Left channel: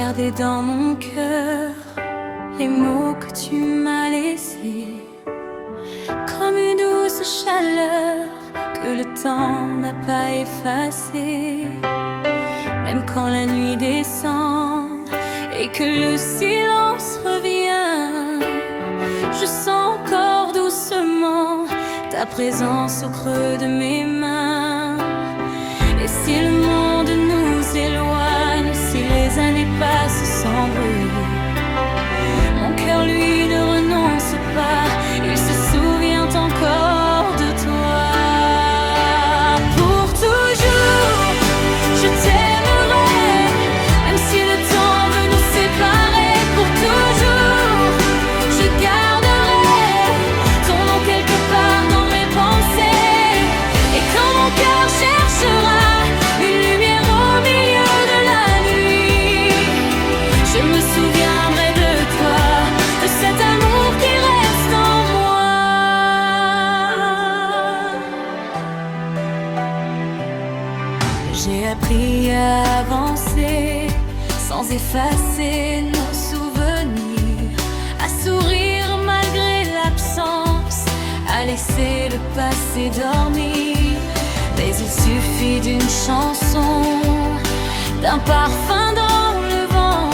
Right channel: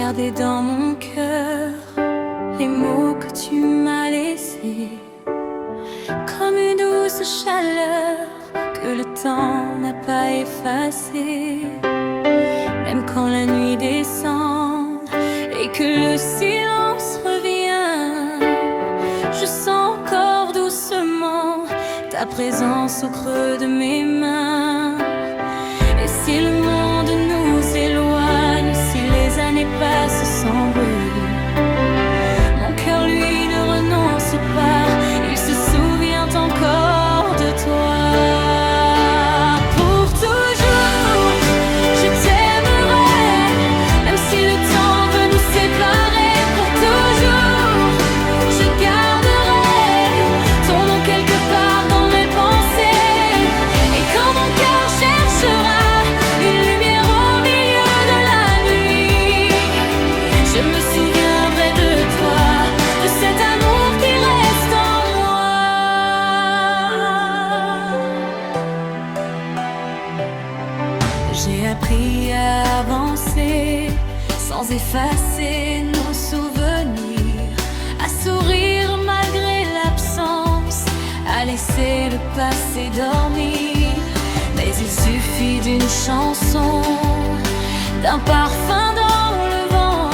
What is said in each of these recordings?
garder dans mon cœur les mots que tu m'as laissés, comme une douce chaleur que le temps n'a pas effacée. Même quand la nuit descend et que le silence revient, je sens encore doucement ta présence au creux de mes mains. Et si le monde nous éloigne, si les années passent sans bruit, mon cœur lui ne renonce pas, il se souvient encore de toi. Pour toujours, je t'aimerai, même si le temps veut nous séparer. Pour toujours, je garderai ton nom quelque part dans mes pensées. Et quand mon cœur cherchera une lumière au milieu de la nuit, je me souviendrai de toi, de cet amour qui reste en moi. J'ai appris à avancer sans effacer nos souvenirs, à sourire malgré l'absence, à laisser le passé dormir. Mais il suffit d'une chanson, d'un parfum dans le vent,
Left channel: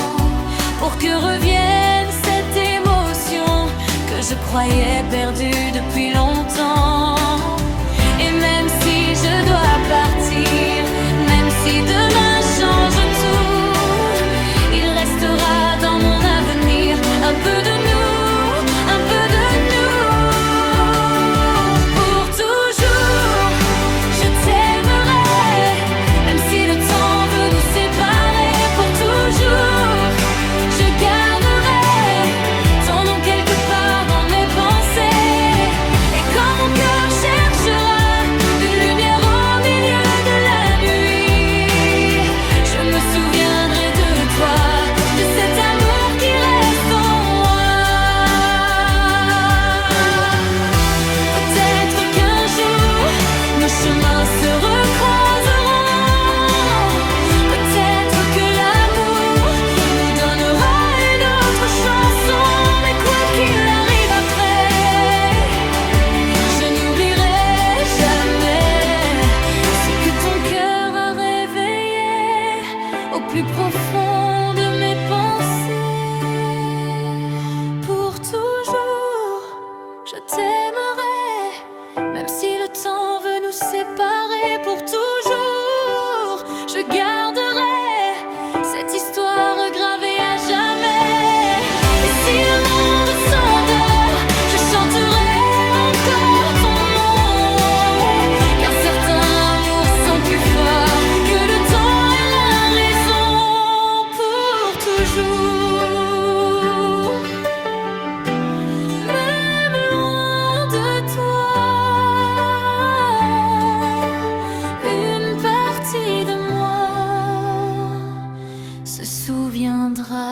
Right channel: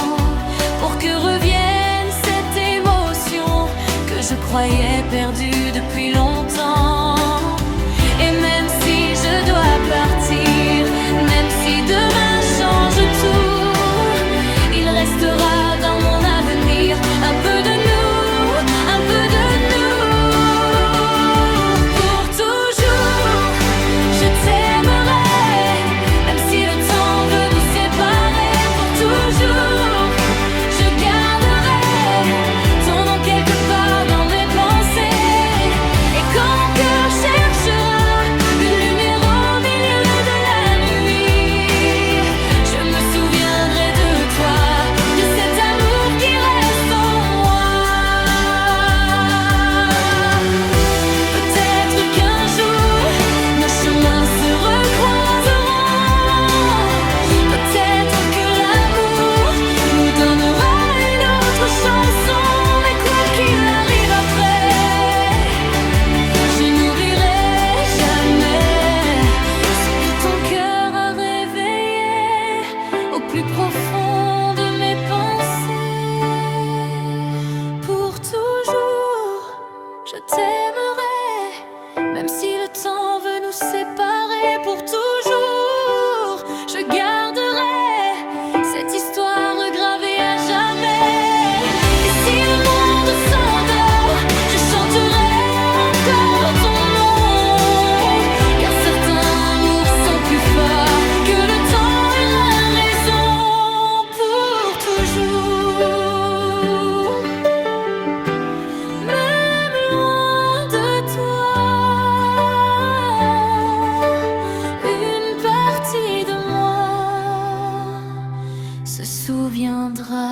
pour que revienne cette émotion que je croyais perdue depuis longtemps. Et même si je dois partir, même si demain change tout, il restera dans mon avenir un peu de nous, un peu de nous. Pour toujours, je t'aimerai, même si le temps veut nous séparer. Pour toujours, je garderai ton nom quelque part dans mes pensées. Et quand mon cœur cherchera une lumière au milieu de la nuit, je me souviendrai de toi, de cet amour qui reste en moi. Peut-être qu'un jour nos chemins se recroiseront, peut-être que l'amour nous donnera une autre chanson. Mais quoi qu'il arrive après, je n'oublierai jamais ce que ton cœur a réveillé au plus profond de mes pensées. Pour toujours, je t'aimerai, même si le temps veut nous séparer. Pour toujours, je garderai cette histoire gravée à jamais. Et si le monde s'endort, je chanterai encore ton nom, car certains amours sont plus forts que le temps et la raison. Pour toujours, même loin de toi, une partie de moi se souviendra.